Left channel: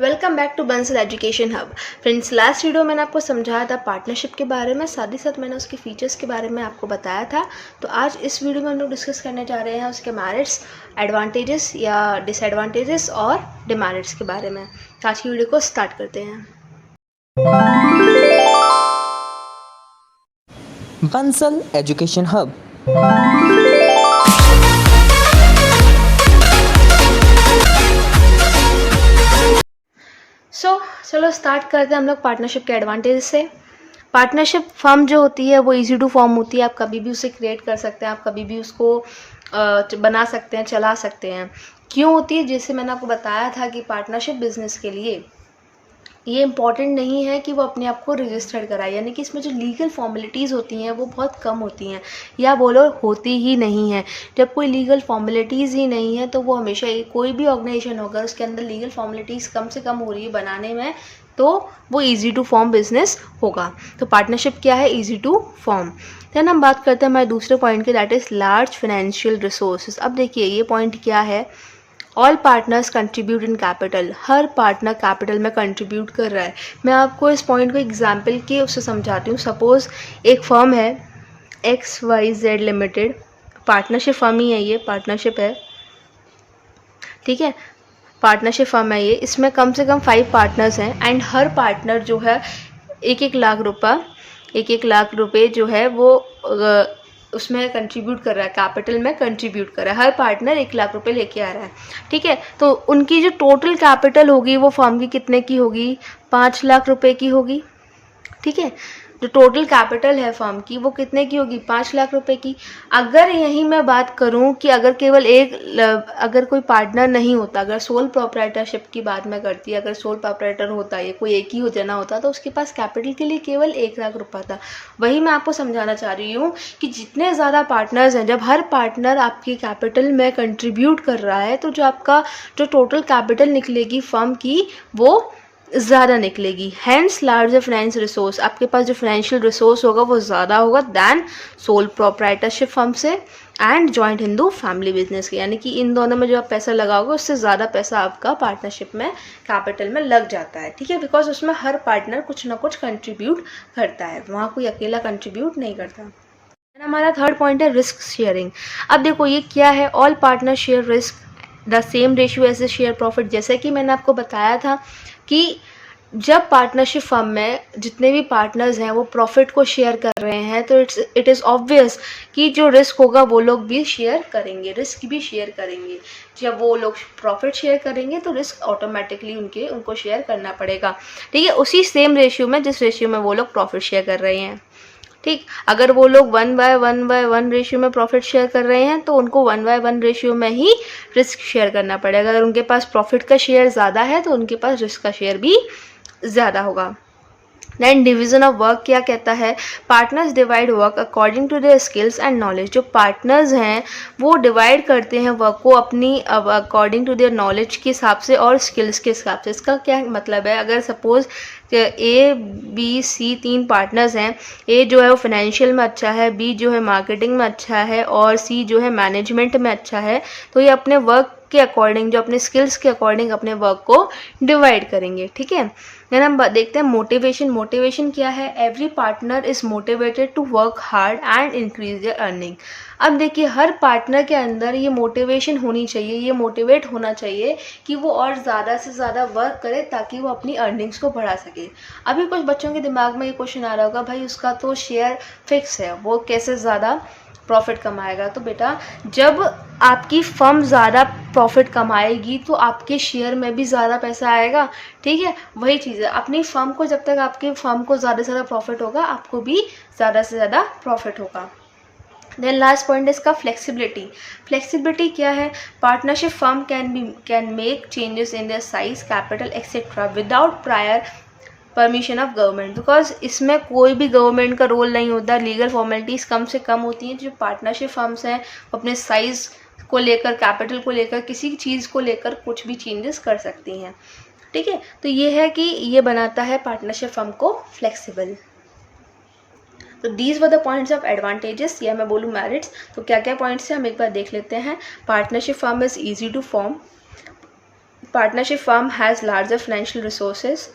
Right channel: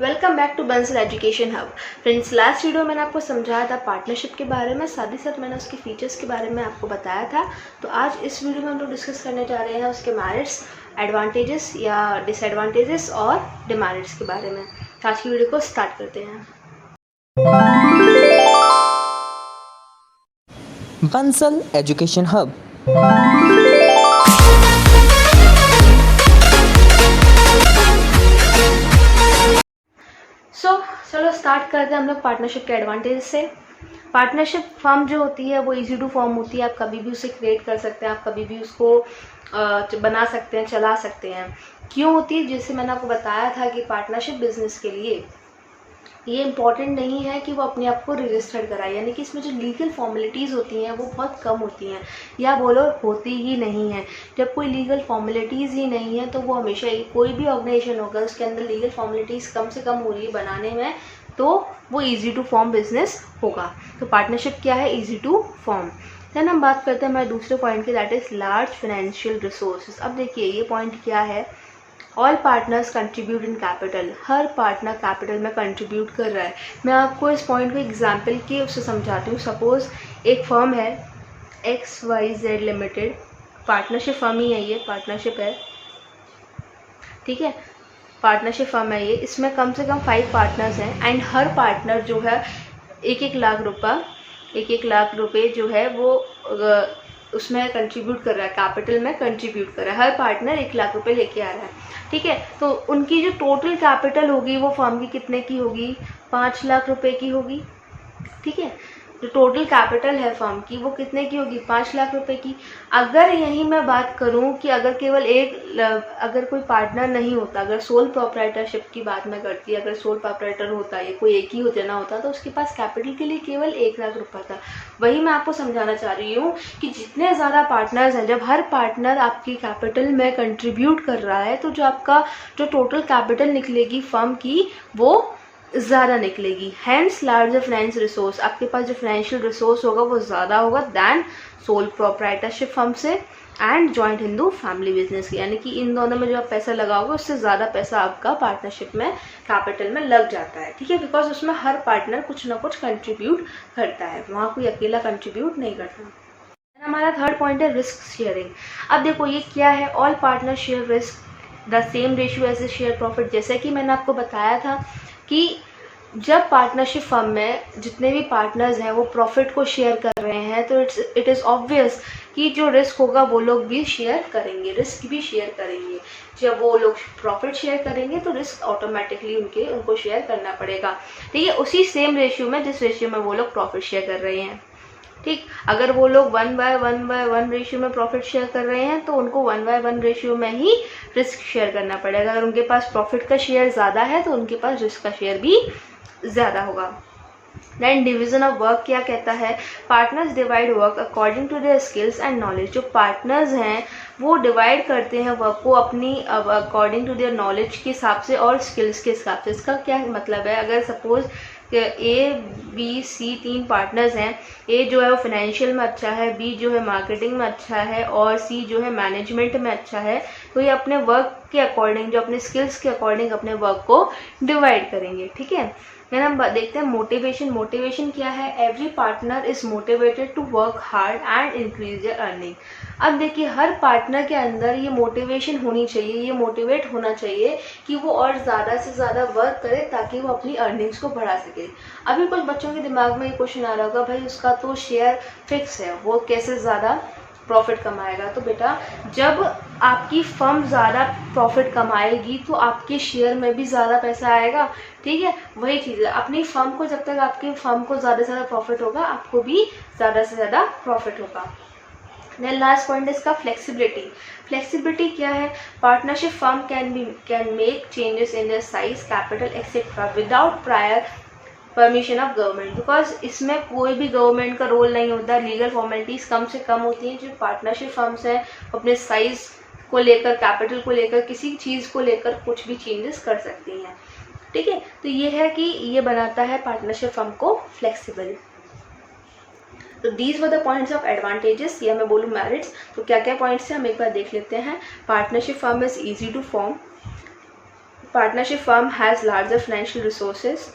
Welcome back to Bansal education hub. Friends, last video मैंने आपको समझाया था पार्टनरशिप के बारे में, साथ ही साथ मैंने उसके फीचर्स के बारे में आपको बताया था। तो आज इस वीडियो में हम लोग डिस्कस करने जा रहे हैं उसके मेरिट्स, एडवांटेजेस या डिसएडवांटेजेस और डिमेरिट्स के बारे में। तो आज की वीडियो को स्टार्ट करते हैं। Bansal education hub. चलो स्टार्ट करते हैं हम लोग पार्टनरशिप के एडवांटेज से। पार्टनरशिप फर्म जो होती है वो इजी टू फॉर्म होती है। आप कभी भी उसे क्रिएट कर सकते हैं, आप कभी भी उसको बना सकते हैं, चला सकते हैं। क्यों होती है? जैसे मैंने आपको बताया था कि पार्टनरशिप बिजनेस के लिए ये इम्पॉर्टेंट नहीं है कि वो अपने आप को रजिस्टर्ड कराए, यानी कि इसमें जो लीगल फॉर्मेलिटीज़ होती हैं वो बहुत कम होती हैं, या बोलो होती ही नहीं है। जब कोई लीगल फॉर्मेलिटीज़ ही नहीं है तो वो हमेशा कोई भी ऑर्गेनाइजेशन होगा उसके अंदर लीगल फॉर्मेलिटीज़ कम से कम हो रही है बनाने में, तो वो ईजी टू फॉर्म बिजनेस होगा। तो पार्टनरशिप क्या है? Easy to form. देन हम बात करते हैं हमारे दूसरे पॉइंट की, that is large financial resources. अब देखिए ये पॉइंट क्या है, all partners contribute in capital. Her partner capital में कंट्रीब्यूट कर रहा है। मैं आपको इस पॉइंट को एग्जाम्पल के उससे समझाती हूँ। सपोज एक फर्म है XYZ लिमिटेड, पार्टनरशिप फर्म ही है, ये पार्टनरशिप है, ठीक है, पार्टनरशिप फर्म है ये। इसमें कम से कम 5 पार्टनर्स हैं एंड हर पार्टनर जो है 1-1 लाख रुपए जो है वो उसमें कंट्रीब्यूट कर रहा है, कैपिटल में कंट्रीब्यूट कर रहा है। हर पार्टनर 1 लाख रुपए लेके आ रहा है, ठीक है। तो उनकी जो टोटल कैपिटल होगी वो फर्म की कितने की होगी? 5 लाख रुपए की होगी, ठीक है। जो टोटल कैपिटल है फर्म की वो कितने की होगी? 5 लाख रुपए की। अगर यही मैं बात करूं कि अगर केवल अगर कोई पार्टनर नहीं होता, अगर सोल प्रोप्राइटरशिप की बात मैं करती, अगर सोल प्रोप्राइटर होता, ये कोई एक ही हो जाना होता, तो उसके पास कैपिटल के लिए केवल 1 लाख रुपया था। वही मैं आपको समझाना चाह रही हूँ कि जितने ज़्यादा पार्टनर्स हैं, जब हर पार्टनर आपकी कैपिटल में कंट्रीब्यूट कर रहा है तो जो आपका जो टोटल कैपिटल निकलेगी फर्म की वो ज़्यादा निकलेगी। हैंस लार्जर फाइनेंस रिसोर्स, आपके पास जो फाइनेंशियल रिसोर्स होगा वो ज़्यादा होगा दैन सोल प्रोप्राइटरशिप फर्म से and joint Hindu family business के, यानी कि इन दोनों में जो आप पैसा लगाओगे उससे ज़्यादा पैसा आपका पार्टनरशिप में कैपिटल में लग जाता है, ठीक है। बिकॉज उसमें हर पार्टनर कुछ ना कुछ कंट्रीब्यूट करता है, वहाँ कोई अकेला कंट्रीब्यूट नहीं करता। हमारा थर्ड पॉइंट है रिस्क शेयरिंग। अब देखो ये क्या है, all partner share risk the same ratio as a share profit. जैसे कि मैंने आपको बताया था कि जब पार्टनरशिप फर्म में जितने भी पार्टनर्स हैं वो प्रॉफिट को शेयर कर रहे हैं तो इट इज़ ऑब्वियस कि जो रिस्क होगा वो लोग भी शेयर करेंगे, रिस्क भी शेयर करेंगे। जब वो लोग प्रॉफिट शेयर करेंगे तो रिस्क ऑटोमेटिकली उनको शेयर करना पड़ेगा, ठीक है, उसी सेम रेशियो में जिस रेशियो में वो लोग प्रॉफिट शेयर कर रहे हैं, ठीक। अगर वो लोग 1/1 रेशियो में प्रॉफिट शेयर कर रहे हैं तो उनको 1/1 रेशियो में ही रिस्क शेयर करना पड़ेगा। अगर उनके पास प्रॉफिट का शेयर ज़्यादा है तो उनके पास रिस्क का शेयर भी ज़्यादा होगा। देन डिवीजन ऑफ वर्क क्या कहता है, partners divide work according to their skills and knowledge. जो पार्टनर्स हैं वो डिवाइड करते हैं वर्क को अपनी अकॉर्डिंग टू देयर नॉलेज के हिसाब से और स्किल्स के हिसाब से। इसका क्या मतलब है, अगर suppose A, B, C 3 partners हैं, A जो है वो फाइनेंशियल में अच्छा है, B जो है मार्केटिंग में अच्छा है और C जो है मैनेजमेंट में अच्छा है, तो ये अपने वर्क के अकॉर्डिंग, जो अपने स्किल्स के अकॉर्डिंग अपने वर्क को डिवाइड करेंगे, ठीक है। देन हम देखते हैं मोटिवेशन। मोटिवेशन क्या है, every partner is motivated to work hard and increase their earning. अब देखिए हर पार्टनर के अंदर ये मोटिवेशन होनी चाहिए, ये मोटिवेट होना चाहिए कि वो और ज़्यादा से ज़्यादा वर्क करे ताकि वो अपनी अर्निंग्स को बढ़ा सके। अभी कुछ बच्चों के दिमाग में ये क्वेश्चन आ रहा होगा, भाई उसका तो शेयर फिक्स है, वो कैसे ज़्यादा प्रॉफिट कमाएगा? तो बेटा जब आपकी फर्म ज़्यादा प्रॉफिट कमाएगी तो आपके शेयर में भी ज़्यादा पैसा आएगा, ठीक है। वही चीज़ है, अपनी फर्म को जब तक आपकी फर्म को ज़्यादा से ज़्यादा प्रॉफिट होगा आपको भी ज़्यादा से ज़्यादा प्रॉफिट होगा। देन लास्ट पॉइंट इसका फ्लेक्सिबिलिटी। फ्लेक्सिबिलिटी क्या है, partnership firm can make changes in their size, capital etcetera without prior permission of government. Because इसमें कोई भी गवर्नमेंट का रोल नहीं होता, लीगल फॉर्मेलिटीज़ कम से कम होती हैं। जो पार्टनरशिप फर्म्स हैं अपने साइज़ को लेकर, कैपिटल को लेकर, किसी चीज़ को लेकर कुछ भी चेंजेस कर सकती हैं, ठीक है। तो ये है कि ये बनाता है पार्टनरशिप फर्म को फ्लेक्सिबल। तो these were the points of advantages, या मैं बोलूँ मेरिट्स। तो क्या क्या पॉइंट्स हैं हम एक बार देख लेते हैं। Partnership firm is easy to form, partnership firm has larger financial resources,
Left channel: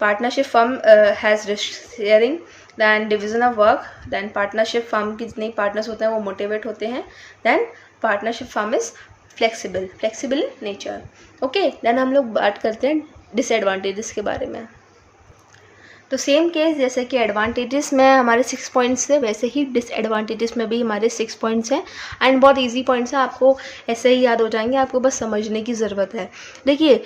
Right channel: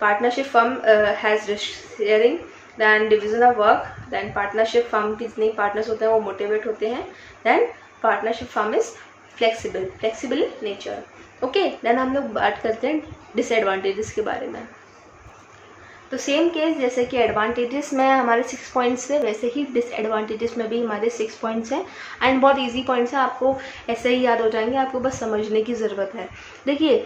partnership firm has risk sharing, then division of work, then partnership firm की जितने partners होते हैं वो motivate होते हैं, then partnership firm is flexible nature. Okay, then हम लोग बात करते हैं डिसएडवांटेजेस के बारे में. तो सेम केस जैसे कि एडवांटेजेस में हमारे 6 पॉइंट्स थे, वैसे ही डिसएडवांटेजेस में भी हमारे 6 पॉइंट्स हैं. एंड बहुत इजी पॉइंट्स हैं, आपको ऐसे ही याद हो जाएंगे, आपको बस समझने की ज़रूरत है. देखिए,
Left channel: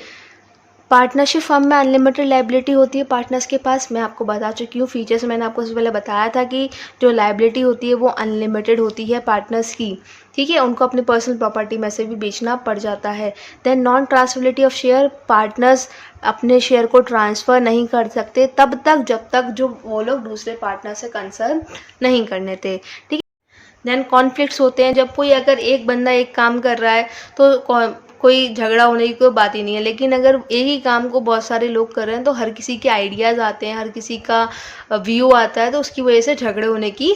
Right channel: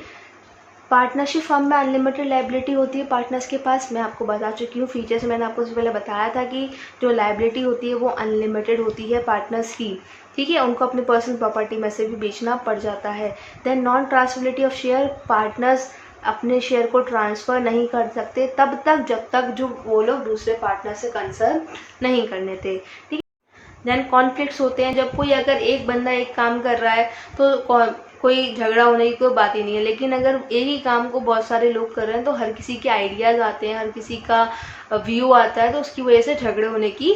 पार्टनरशिप फर्म में अनलिमिटेड लायबिलिटी होती है पार्टनर्स के पास. मैं आपको बता चुकी हूँ फीचर्स, मैंने आपको उससे पहले बताया था कि जो लायबिलिटी होती है वो अनलिमिटेड होती है पार्टनर्स की, ठीक है. उनको अपनी पर्सनल प्रॉपर्टी में से भी बेचना पड़ जाता है. Then non transferability of share, partners अपने शेयर को ट्रांसफ़र नहीं कर सकते तब तक जब तक जो वो लोग दूसरे पार्टनर से कंसर्न नहीं करने थे, ठीक है. देन कॉन्फ्लिक्ट्स होते हैं, जब कोई अगर एक बंदा एक काम कर रहा है तो कोई झगड़ा होने की कोई बात ही नहीं है. लेकिन अगर एक ही काम को बहुत सारे लोग कर रहे हैं तो हर किसी के आइडियाज़ आते हैं, हर किसी का व्यू आता है, तो उसकी वजह से झगड़े होने की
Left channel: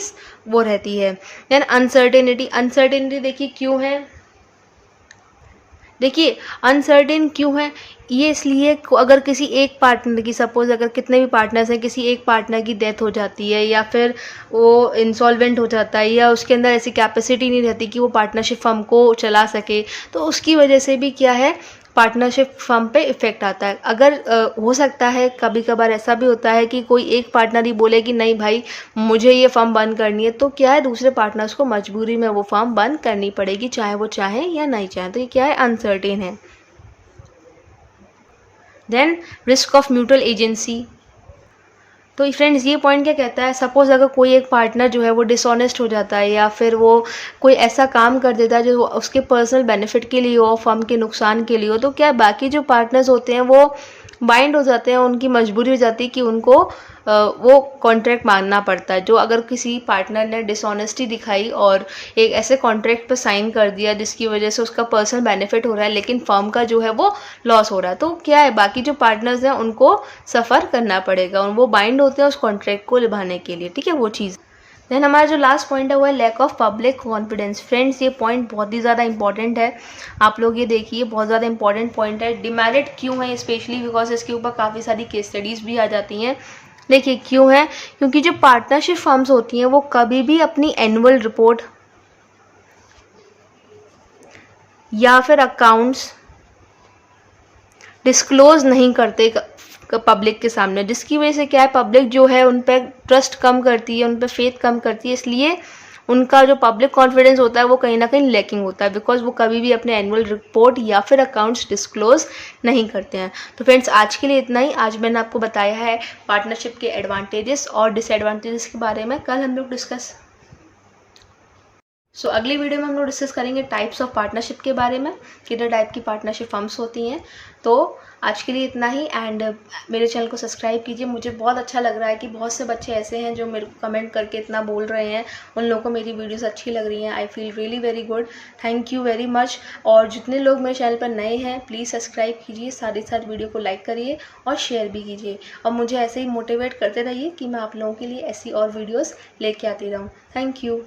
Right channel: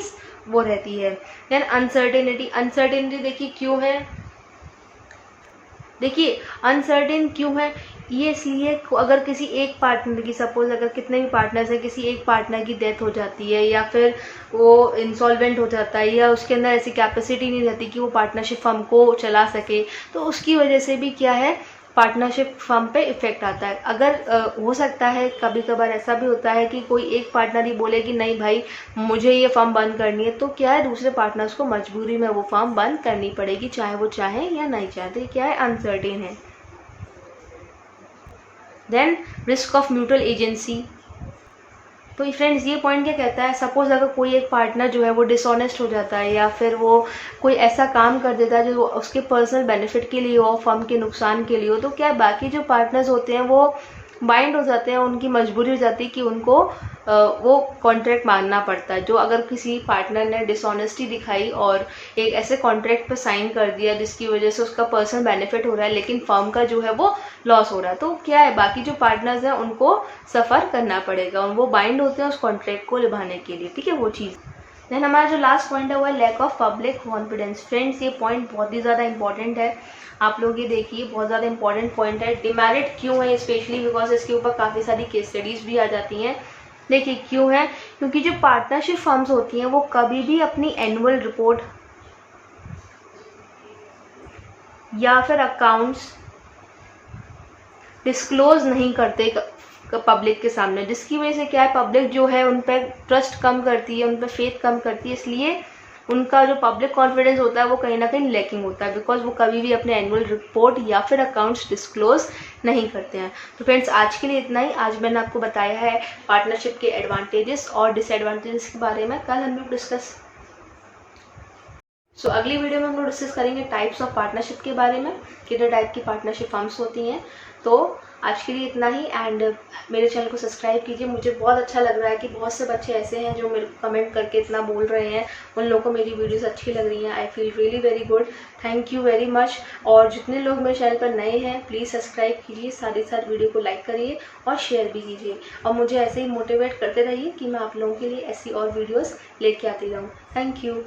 वो रहती है. देन अनसर्टेनिटी देखिए क्यों है, देखिए अनसर्टेन क्यों है ये, इसलिए अगर किसी एक पार्टनर की, सपोज अगर कितने भी पार्टनर्स हैं, किसी एक पार्टनर की डेथ हो जाती है या फिर वो इंसॉल्वेंट हो जाता है या उसके अंदर ऐसी कैपेसिटी नहीं रहती कि वो पार्टनरशिप फर्म को चला सके, तो उसकी वजह से भी क्या है, पार्टनरशिप फर्म पे इफ़ेक्ट आता है. अगर हो सकता है कभी कभार ऐसा भी होता है कि कोई एक पार्टनर ही बोले कि नहीं भाई मुझे ये फर्म बंद करनी है, तो क्या है दूसरे पार्टनर्स को मजबूरी में वो फर्म बंद करनी पड़ेगी, चाहे वो चाहें या नहीं चाहें. तो ये क्या है, अनसर्टेन है. Then risk of mutual agency. तो फ्रेंड्स ये पॉइंट क्या कहता है, सपोज अगर कोई एक पार्टनर जो है वो डिसऑनेस्ट हो जाता है या फिर वो कोई ऐसा काम कर देता है जो उसके पर्सनल बेनिफिट के लिए हो, फर्म के नुकसान के लिए हो, तो क्या बाकी जो पार्टनर्स होते हैं वो बाइंड हो जाते हैं, उनकी मजबूरी हो जाती है कि उनको वो कॉन्ट्रैक्ट मानना पड़ता है. जो अगर किसी पार्टनर ने डिसऑनेस्टी दिखाई और एक ऐसे कॉन्ट्रैक्ट पे साइन कर दिया जिसकी वजह से उसका पर्सनल बेनिफिट हो रहा है लेकिन फर्म का जो है वो लॉस हो रहा है, तो क्या है बाकी जो पार्टनर्स हैं उनको सफ़र करना पड़ेगा, वो बाइंड होते हैं उस कॉन्ट्रैक्ट को निभाने के लिए, ठीक है, वो चीज़. देन हमारा जो लास्ट पॉइंट है वो है lack of public confidence. Friends ये पॉइंट बहुत ही ज़्यादा इंपॉर्टेंट है, आप लोग ये देखिए, बहुत ज़्यादा इंपॉर्टेंट पॉइंट है. डिमेरिट क्यों है, स्पेशली बिकॉज इसके ऊपर काफ़ी सारी केस स्टडीज़ भी आ जाती हैं. देखिए क्यों है, क्योंकि जो पार्टनरशिप फर्म्स होती हैं वो कभी भी अपनी एनुअल रिपोर्ट या फिर अकाउंट्स डिस्क्लोज नहीं करते पब्लिक के सामने, जिसकी वजह से क्या है, पब्लिक जो है उन पर ट्रस्ट कम करती है, उन पर फेथ कम करती है, इसलिए उनका जो पब्लिक कॉन्फिडेंस होता है वो कहीं ना कहीं लैकिंग होता है, बिकॉज वो कभी भी अपने एनुअल रिपोर्ट या फिर अकाउंट्स डिस्क्लोज नहीं करते हैं. तो फ्रेंड्स आज के लिए इतना ही. आज मैंने आपको बताया है पार्टनरशिप के एडवांटेजेस और डिसएडवांटेजेस के बारे में. कल हम लोग डिस्कस अगली वीडियो में हम लोग डिस्कस करेंगे टाइप्स ऑफ पार्टनरशिप के बारे में, कितने टाइप की पार्टनरशिप फर्म्स होती हैं. तो आज के लिए इतना ही. एंड मेरे चैनल को सब्सक्राइब कीजिए. मुझे बहुत अच्छा लग रहा है कि बहुत से बच्चे ऐसे हैं जो मेरे को कमेंट करके इतना बोल रहे हैं, उन लोगों को मेरी वीडियोस अच्छी लग रही हैं. I feel really very good, thank you very much. और जितने लोग मेरे चैनल पर नए हैं प्लीज़ सब्सक्राइब कीजिए, साथ ही साथ वीडियो को लाइक करिए और शेयर भी कीजिए, और मुझे ऐसे ही मोटिवेट करते रहिए कि मैं आप लोगों के लिए ऐसी और वीडियोज़ लेके आती रहूँ. Thank you.